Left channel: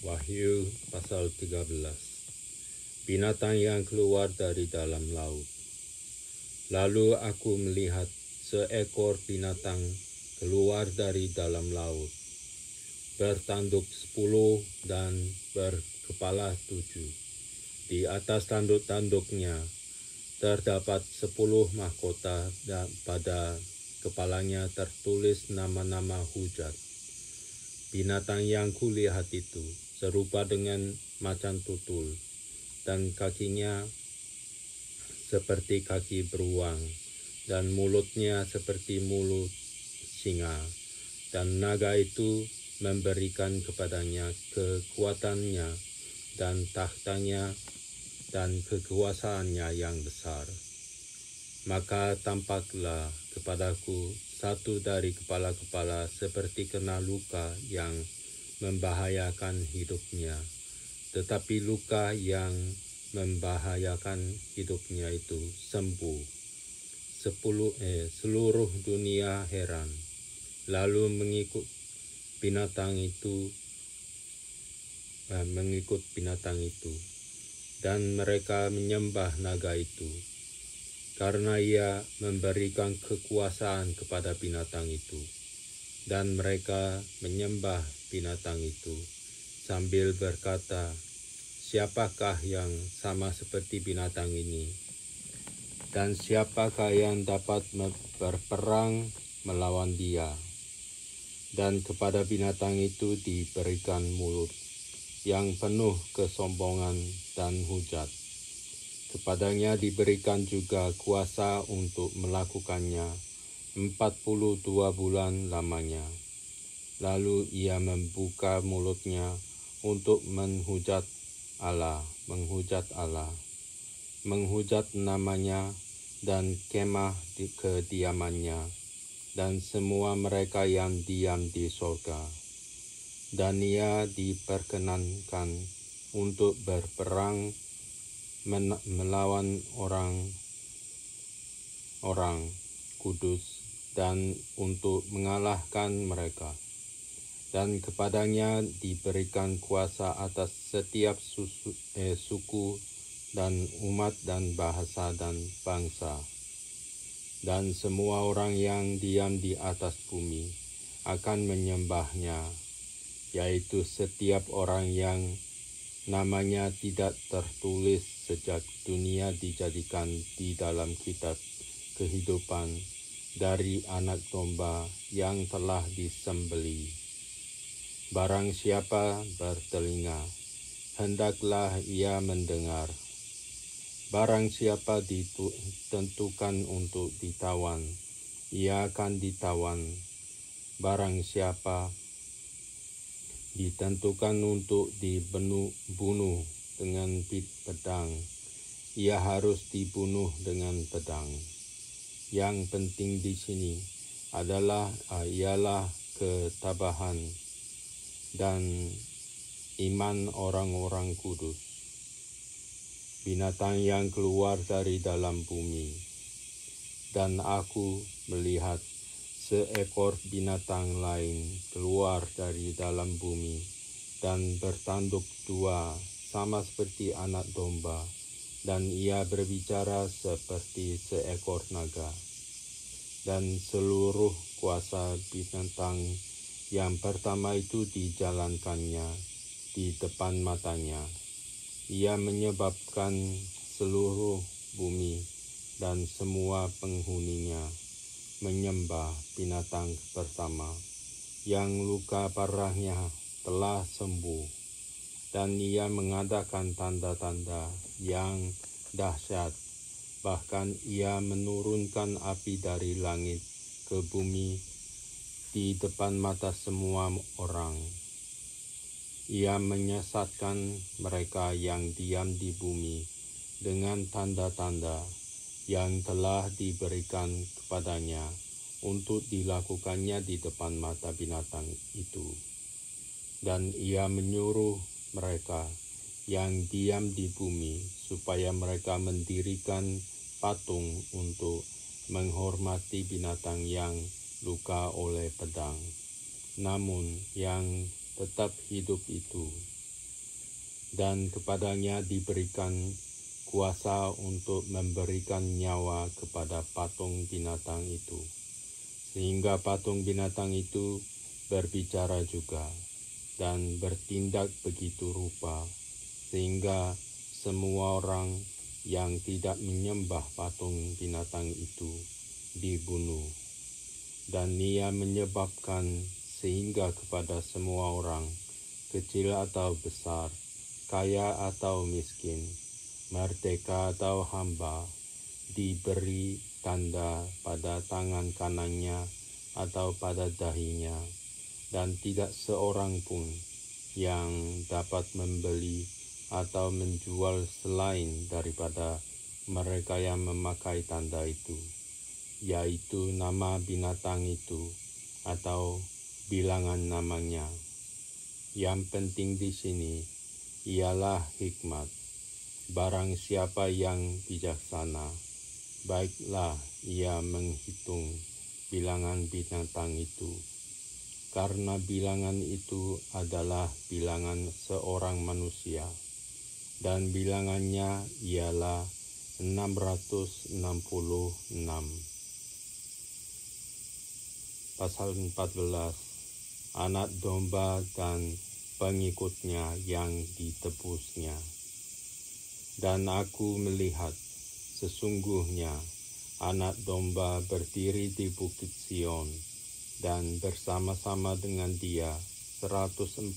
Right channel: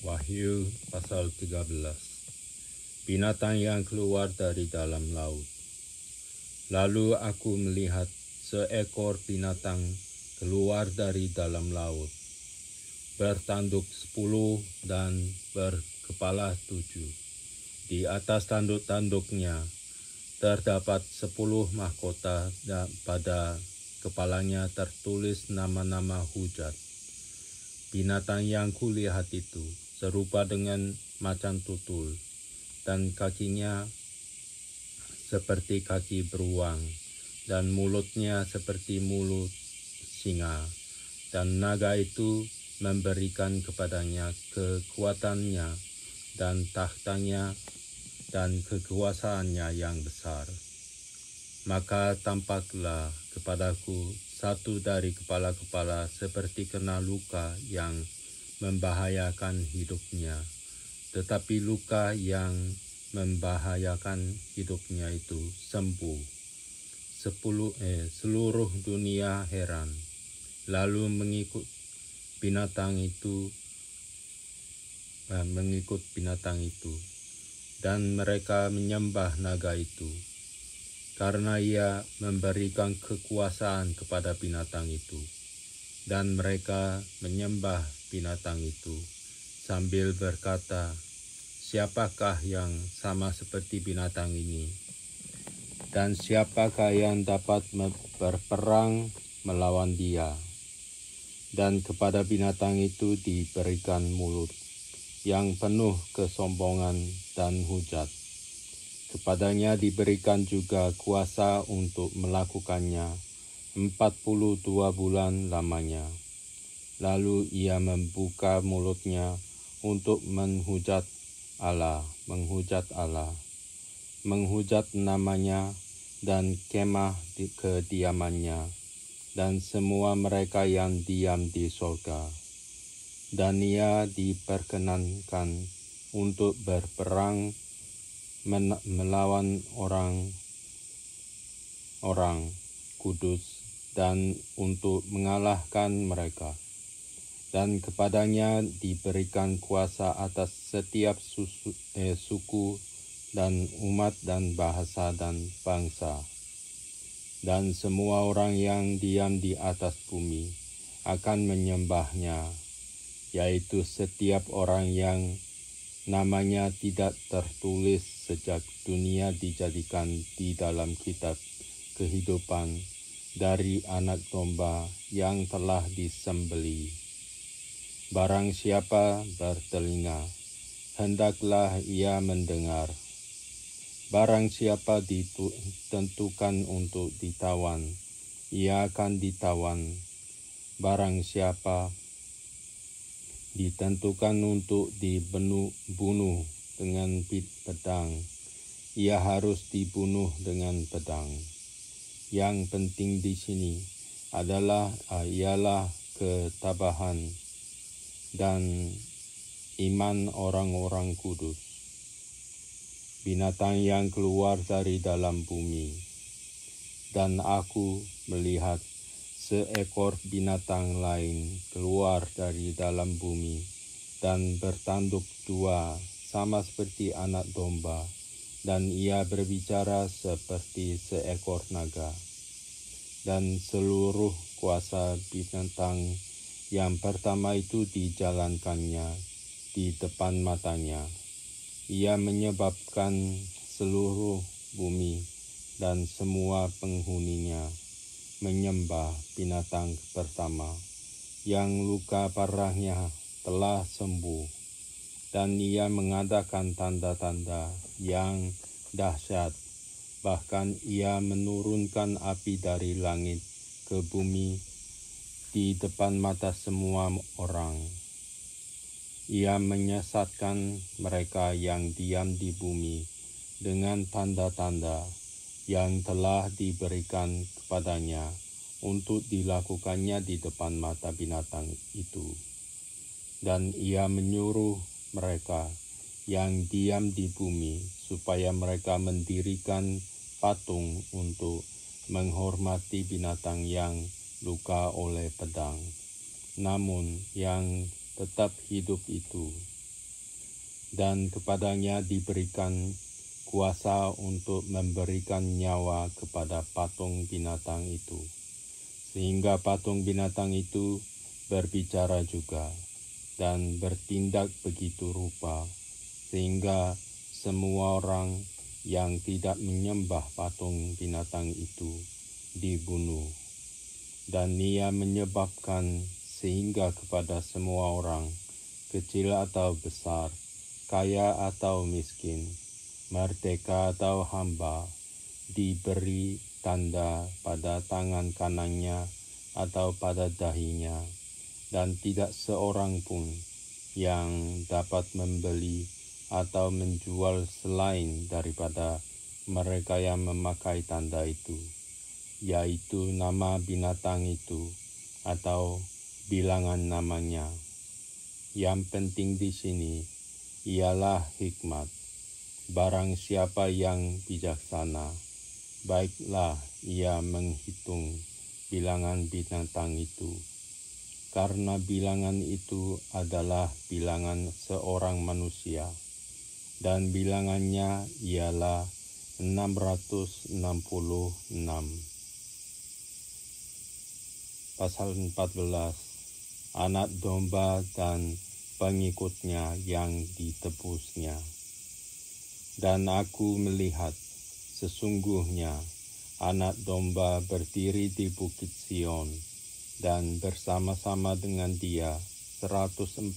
Wahyu pasal 13. Binatang yang keluar dari dalam laut. Lalu aku melihat seekor binatang keluar dari dalam laut, bertanduk 10 dan berkepala 7. Di atas tanduk-tanduknya terdapat 10 mahkota dan pada kepalanya tertulis nama-nama hujat. Binatang yang kulihat itu serupa dengan macan tutul, dan kakinya seperti kaki beruang, dan mulutnya seperti mulut singa. Dan naga itu memberikan kepadanya kekuatannya dan tahtanya dan kekuasaannya yang besar. Maka tampaklah kepadaku satu dari kepala-kepala seperti kena luka yang membahayakan hidupnya. Tetapi luka yang membahayakan hidupnya itu sembuh. Seluruh dunia heran, lalu mengikut binatang itu, dan mereka menyembah naga itu, karena ia memberikan kekuasaan kepada binatang itu. Dan mereka menyembah binatang itu sambil berkata, "Siapakah yang sama seperti binatang ini? Dan siapakah yang dapat berperang melawan dia?" Dan kepada binatang itu diberikan mulut yang penuh kesombongan dan hujat. Kepadanya diberikan juga kuasa untuk melakukannya 42 bulan lamanya. Lalu ia membuka mulutnya untuk menghujat Allah, menghujat namanya dan kemah kediamannya, dan semua mereka yang diam di surga. Dan ia diperkenankan untuk berperang melawan orang kudus dan untuk mengalahkan mereka. Dan kepadanya diberikan kuasa atas setiap suku dan umat dan bahasa dan bangsa. Dan semua orang yang diam di atas bumi akan menyembahnya, yaitu setiap orang yang namanya tidak tertulis sejak dunia dijadikan di dalam kitab kehidupan dari Anak Domba yang telah disembelih. Barang siapa bertelinga, hendaklah ia mendengar. Barang siapa ditentukan untuk ditawan, ia akan ditawan. Barang siapa ditentukan untuk dibunuh dengan pedang, ia harus dibunuh dengan pedang. Yang penting di sini ialah ketabahan dan iman orang-orang kudus. Binatang yang keluar dari dalam bumi. Dan aku melihat seekor binatang lain keluar dari dalam bumi dan bertanduk 2 sama seperti anak domba, dan ia berbicara seperti seekor naga. Dan seluruh kuasa binatang yang pertama itu dijalankannya di depan matanya. Ia menyebabkan seluruh bumi dan semua penghuninya menyembah binatang pertama, yang luka parahnya telah sembuh. Dan ia mengadakan tanda-tanda yang dahsyat, bahkan ia menurunkan api dari langit ke bumi di depan mata semua orang. Ia menyesatkan mereka yang diam di bumi dengan tanda-tanda yang telah diberikan kepadanya untuk dilakukannya di depan mata binatang itu. Dan ia menyuruh mereka yang diam di bumi supaya mereka mendirikan patung untuk menghormati binatang yang luka oleh pedang, namun yang tetap hidup itu. dan kepadanya diberikan kuasa untuk memberikan nyawa kepada patung binatang itu, sehingga patung binatang itu berbicara juga dan bertindak begitu rupa, sehingga semua orang yang tidak menyembah patung binatang itu dibunuh. Dan ia menyebabkan sehingga kepada semua orang, kecil atau besar, kaya atau miskin, merdeka atau hamba, diberi tanda pada tangan kanannya atau pada dahinya, dan tidak seorang pun yang dapat membeli atau menjual selain daripada mereka yang memakai tanda itu, yaitu nama binatang itu atau bilangan namanya. Yang penting di sini ialah hikmat. Barang siapa yang bijaksana, baiklah ia menghitung bilangan binatang itu, karena bilangan itu adalah bilangan seorang manusia, dan bilangannya ialah 666. Pasal 14, anak domba dan pengikutnya yang ditebusnya. Dan aku melihat, sesungguhnya anak domba berdiri di bukit Sion, dan bersama-sama dengan dia 144.000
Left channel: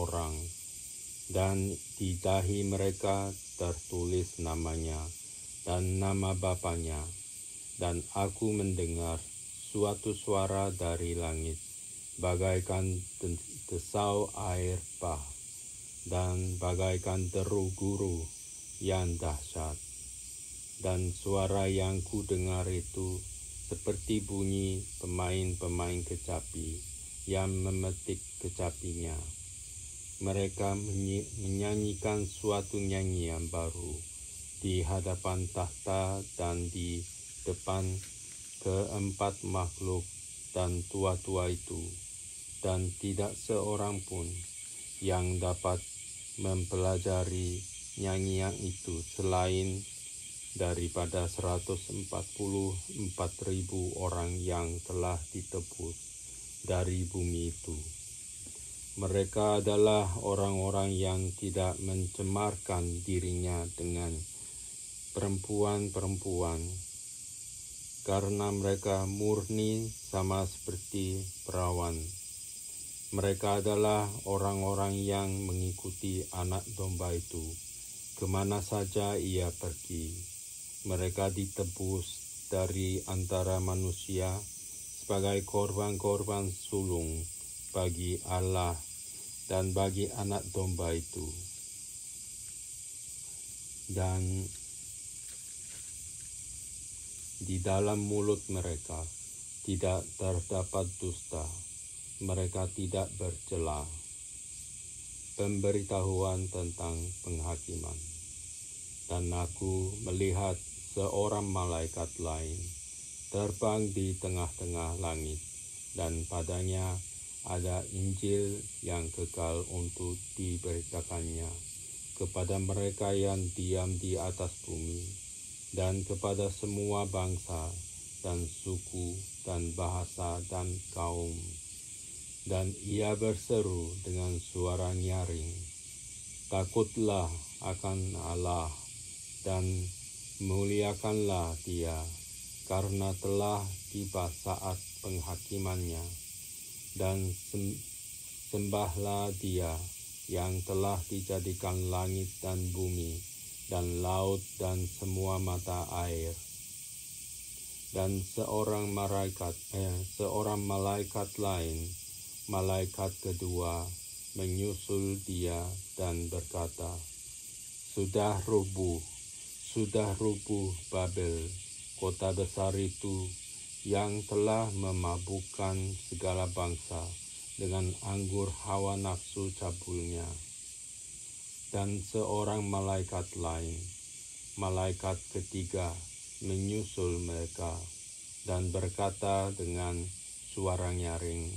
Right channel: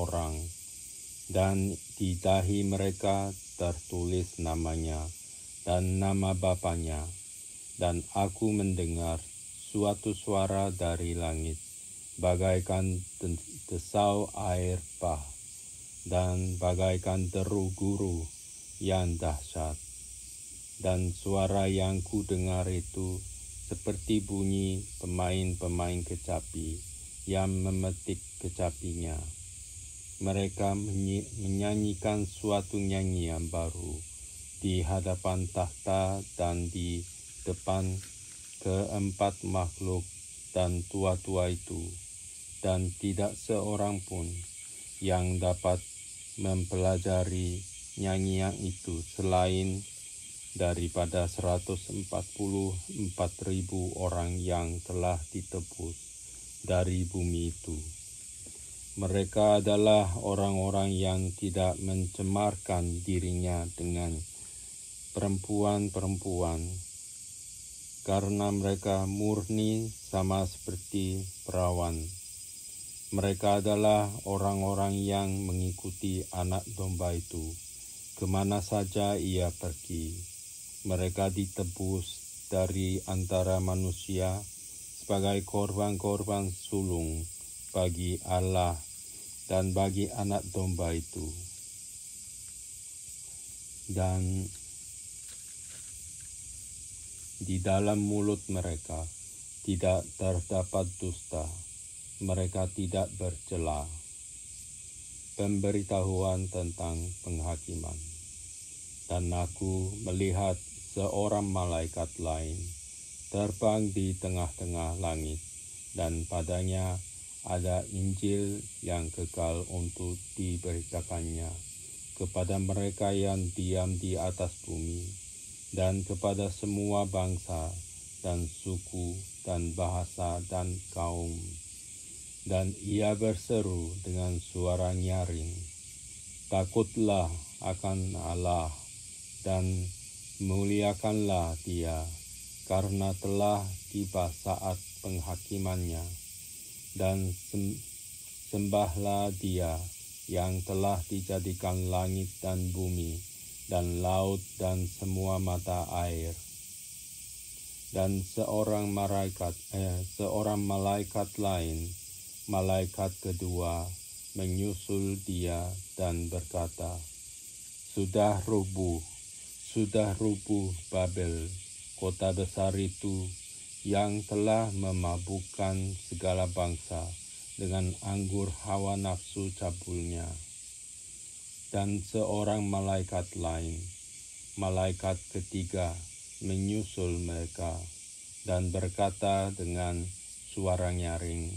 orang, dan di dahi mereka tertulis namanya dan nama bapanya. Dan aku mendengar suatu suara dari langit, bagaikan desau air bah, dan bagaikan deru guru yang dahsyat. Dan suara yang ku dengar itu seperti bunyi pemain-pemain kecapi yang memetik kecapinya. Mereka menyanyikan suatu nyanyian baru di hadapan takhta dan di depan keempat makhluk dan tua-tua itu, dan tidak seorang pun yang dapat mempelajari nyanyian itu selain daripada 144.000 orang yang telah ditebus dari bumi itu. Mereka adalah orang-orang yang tidak mencemarkan dirinya dengan perempuan-perempuan, karena mereka murni sama seperti perawan. Mereka adalah orang-orang yang mengikuti anak domba itu, kemana saja ia pergi. Mereka ditebus dari antara manusia sebagai korban-korban sulung bagi Allah dan bagi anak domba itu. Dan di dalam mulut mereka tidak terdapat dusta, mereka tidak bercela. Pemberitahuan tentang penghakiman. Dan aku melihat seorang malaikat lain terbang di tengah-tengah langit, dan padanya ada Injil yang kekal untuk diberitakannya kepada mereka yang diam di atas bumi, dan kepada semua bangsa dan suku dan bahasa dan kaum. Dan ia berseru dengan suara nyaring, takutlah akan Allah dan muliakanlah Dia, karena telah tiba saat penghakimannya, dan sembahlah Dia yang telah dijadikan langit dan bumi dan laut dan semua mata air. Dan seorang malaikat lain, malaikat kedua, menyusul Dia dan berkata, sudah rubuh Babel, kota besar itu yang telah memabukkan segala bangsa dengan anggur hawa nafsu cabulnya. Dan seorang malaikat lain, malaikat ketiga, menyusul mereka dan berkata dengan suara nyaring,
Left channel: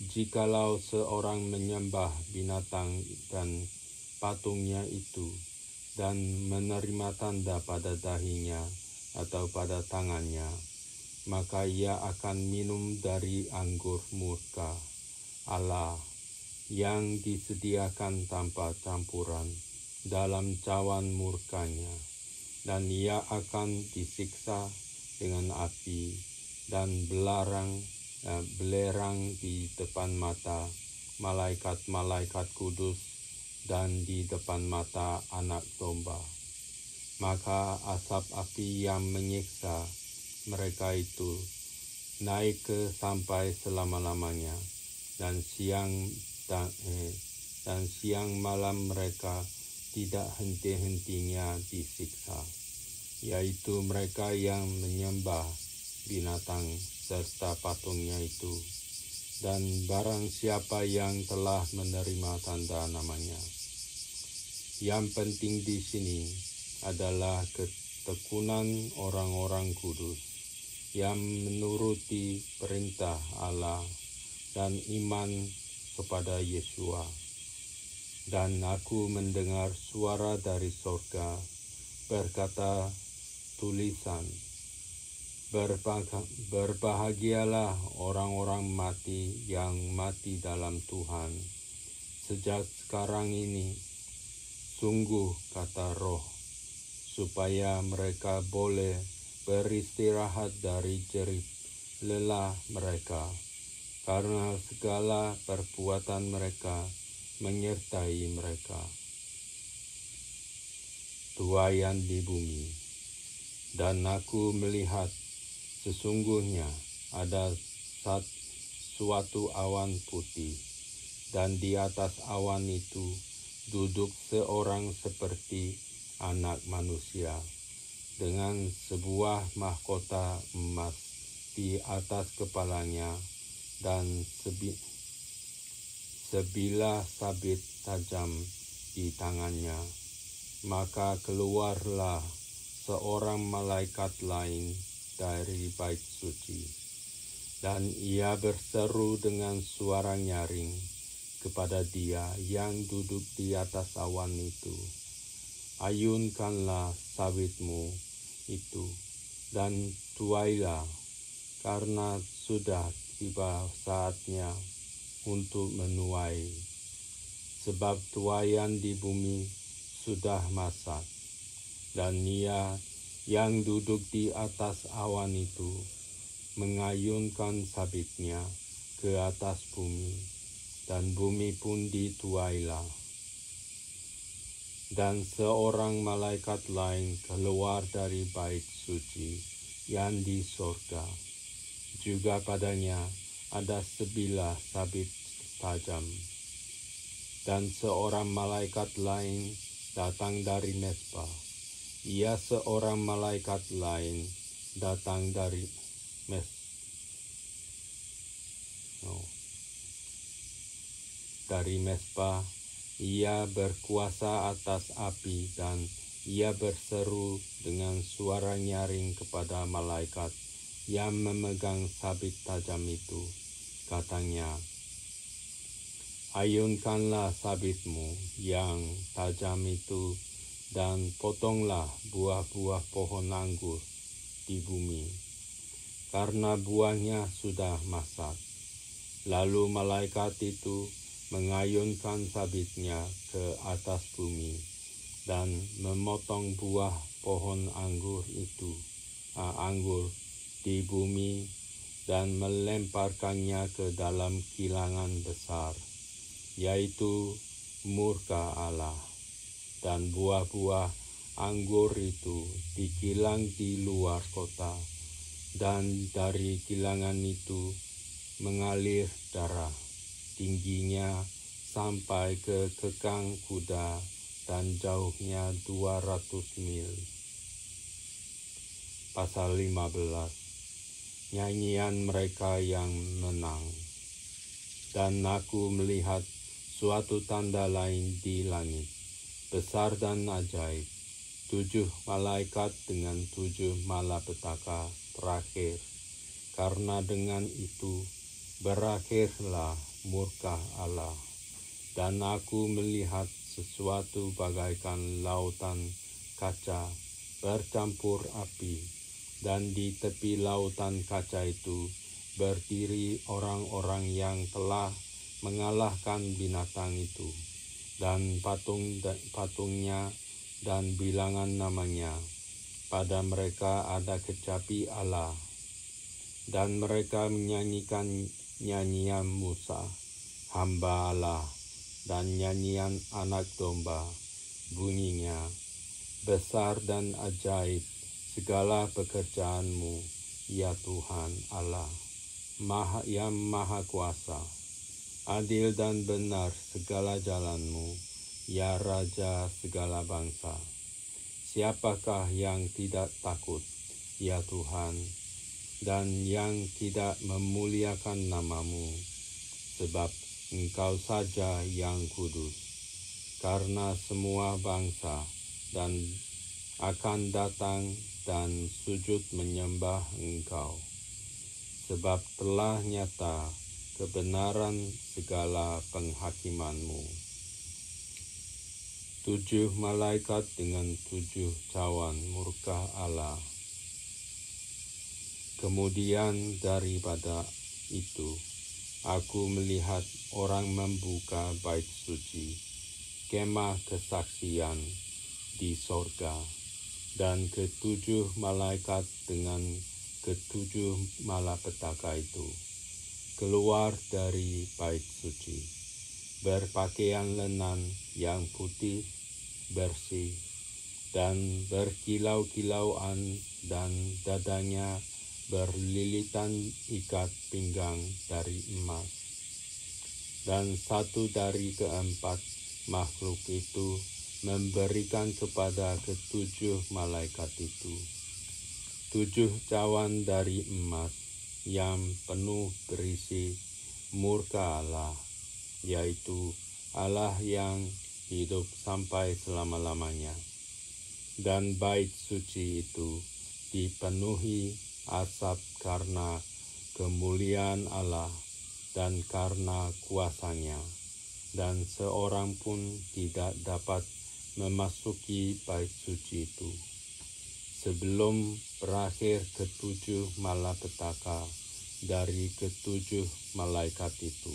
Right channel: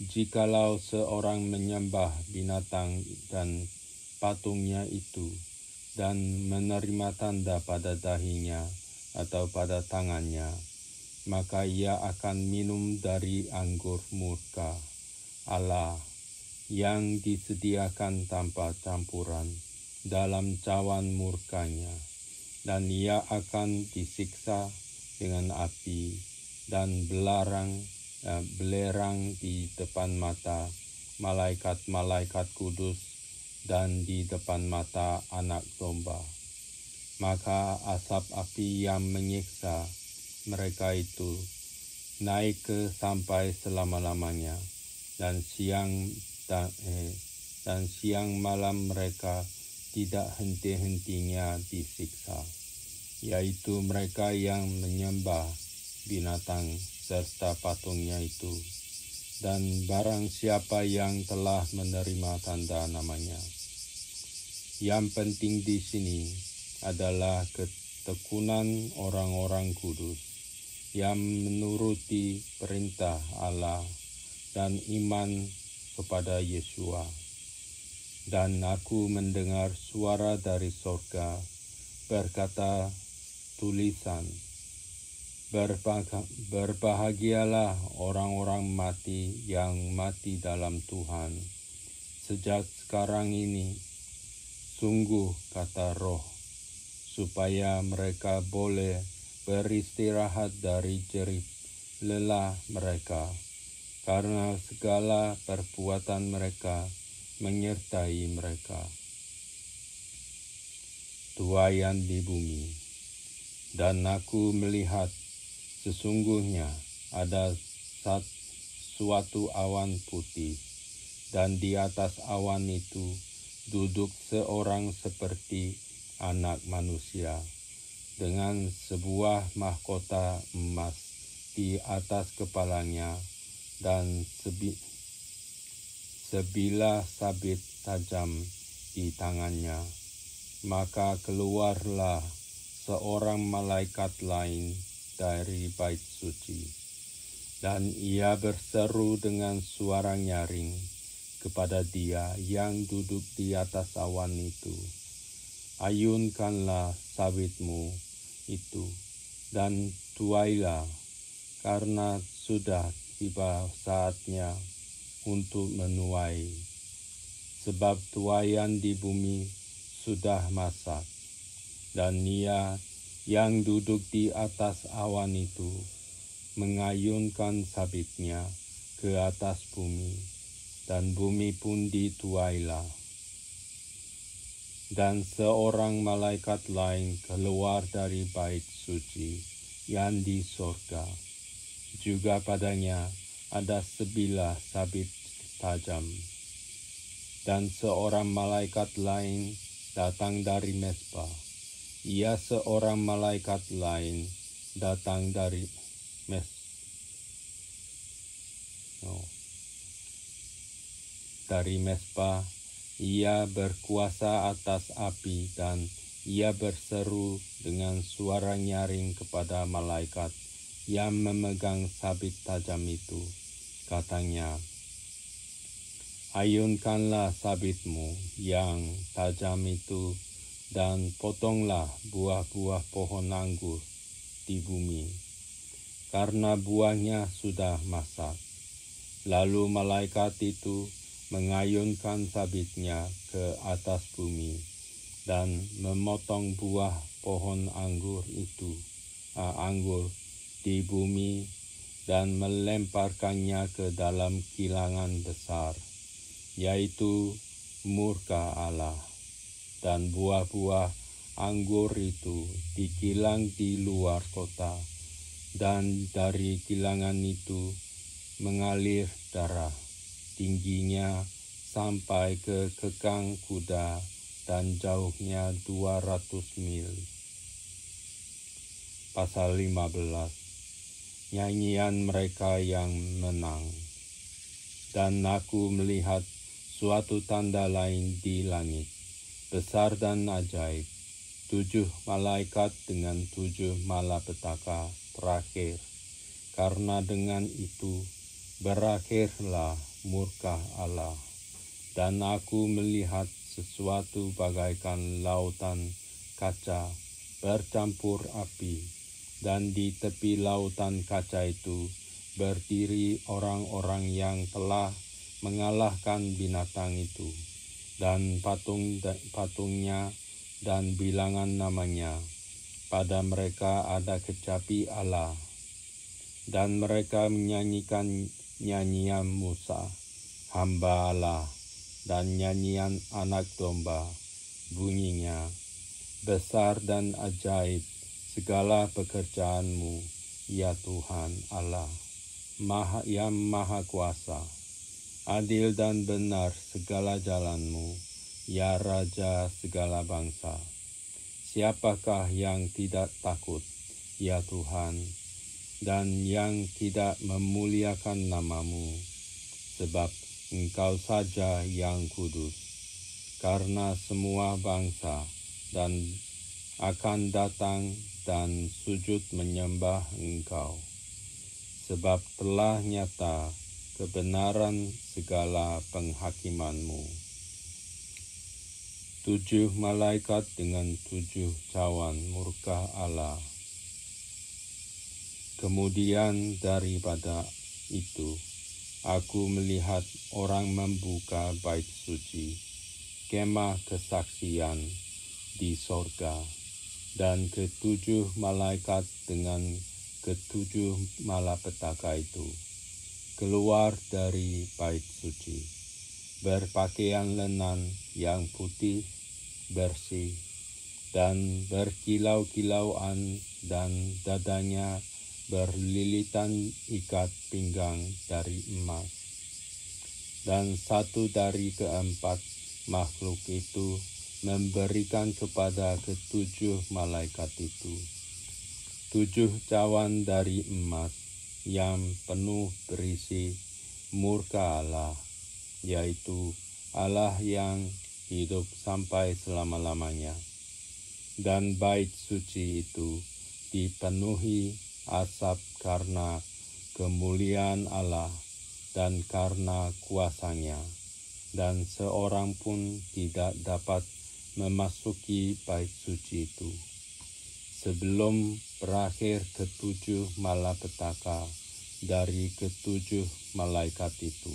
Jikalau seorang menyembah binatang dan patungnya itu, dan menerima tanda pada dahinya atau pada tangannya, maka ia akan minum dari anggur murka Allah yang disediakan tanpa campuran dalam cawan murkanya, dan ia akan disiksa dengan api dan belerang di depan mata malaikat-malaikat kudus dan di depan mata Anak Domba. Maka asap api yang menyiksa mereka itu naik ke sampai selama-lamanya, dan siang malam mereka tidak henti-hentinya disiksa, yaitu mereka yang menyembah binatang serta patungnya itu, dan barang siapa yang telah menerima tanda namanya. Yang penting di sini adalah ketekunan orang-orang kudus yang menuruti perintah Allah dan iman kepada Yesua. Dan aku mendengar suara dari sorga berkata tulisan, berbahagialah orang-orang mati yang mati dalam Tuhan sejak sekarang ini, sungguh kata Roh, supaya mereka boleh beristirahat dari jerit lelah mereka, karena segala perbuatan mereka menyertai mereka. Tuaian di bumi. Dan aku melihat sesungguhnya ada suatu awan putih, dan di atas awan itu duduk seorang seperti Anak Manusia, dengan sebuah mahkota emas di atas kepalanya, dan sebilah sabit tajam di tangannya. Maka keluarlah seorang malaikat lain dari bait suci, dan ia berseru dengan suara nyaring kepada Dia yang duduk di atas awan itu, ayunkanlah sabitmu itu dan tuailah, karena sudah tiba saatnya untuk menuai, sebab tuaian di bumi sudah masak. Dan Ia yang duduk di atas awan itu mengayunkan sabitnya ke atas bumi, dan bumi pun dituailah. Dan seorang malaikat lain keluar dari bait suci yang di sorga, juga padanya ada sebilah sabit tajam. Dan seorang malaikat lain datang dari Mesbah. Ia seorang malaikat lain datang dari Mesbah. Ia berkuasa atas api, dan ia berseru dengan suara nyaring kepada malaikat yang memegang sabit tajam itu. Katanya, ayunkanlah sabitmu yang tajam itu, dan potonglah buah-buah pohon anggur di bumi, karena buahnya sudah masak. Lalu malaikat itu mengayunkan sabitnya ke atas bumi, dan memotong buah pohon anggur di bumi, dan melemparkannya ke dalam kilangan besar, yaitu murka Allah. Dan buah-buah anggur itu dikilang di luar kota, dan dari kilangan itu mengalir darah, tingginya sampai ke kekang kuda, dan jauhnya 200 mil. Pasal 15. Nyanyian mereka yang menang. Dan aku melihat suatu tanda lain di langit, besar dan ajaib, 7 malaikat dengan 7 malapetaka terakhir, karena dengan itu berakhirlah murka Allah. Dan aku melihat sesuatu bagaikan lautan kaca bercampur api, dan di tepi lautan kaca itu berdiri orang-orang yang telah mengalahkan binatang itu, dan patungnya dan bilangan namanya. Pada mereka ada kecapi Allah, dan mereka menyanyikan nyanyian Musa, hamba Allah, dan nyanyian anak domba. Bunyinya, besar dan ajaib segala pekerjaanmu, ya Tuhan Allah, yang maha kuasa. Adil dan benar segala jalanmu, ya Raja segala bangsa. Siapakah yang tidak takut, ya Tuhan, dan yang tidak memuliakan namamu? Sebab Engkau saja yang kudus, karena semua bangsa dan akan datang dan sujud menyembah Engkau. Sebab telah nyata kebenaran segala penghakimanmu. 7 malaikat dengan 7 cawan murka Allah. Kemudian daripada itu, aku melihat orang membuka bait suci, kemah kesaksian di sorga, dan ke-7 malaikat dengan ke-7 malapetaka itu keluar dari bait suci, berpakaian lenan yang putih bersih dan berkilau-kilauan, dan dadanya berlilitan ikat pinggang dari emas. Dan satu dari keempat makhluk itu memberikan kepada ke-7 malaikat itu 7 cawan dari emas yang penuh berisi murka Allah, yaitu Allah yang hidup sampai selama-lamanya. Dan bait suci itu dipenuhi asap karena kemuliaan Allah dan karena kuasanya, dan seorang pun tidak dapat memasuki bait suci itu sebelum berakhir ke-7 malapetaka dari ke-7 malaikat itu.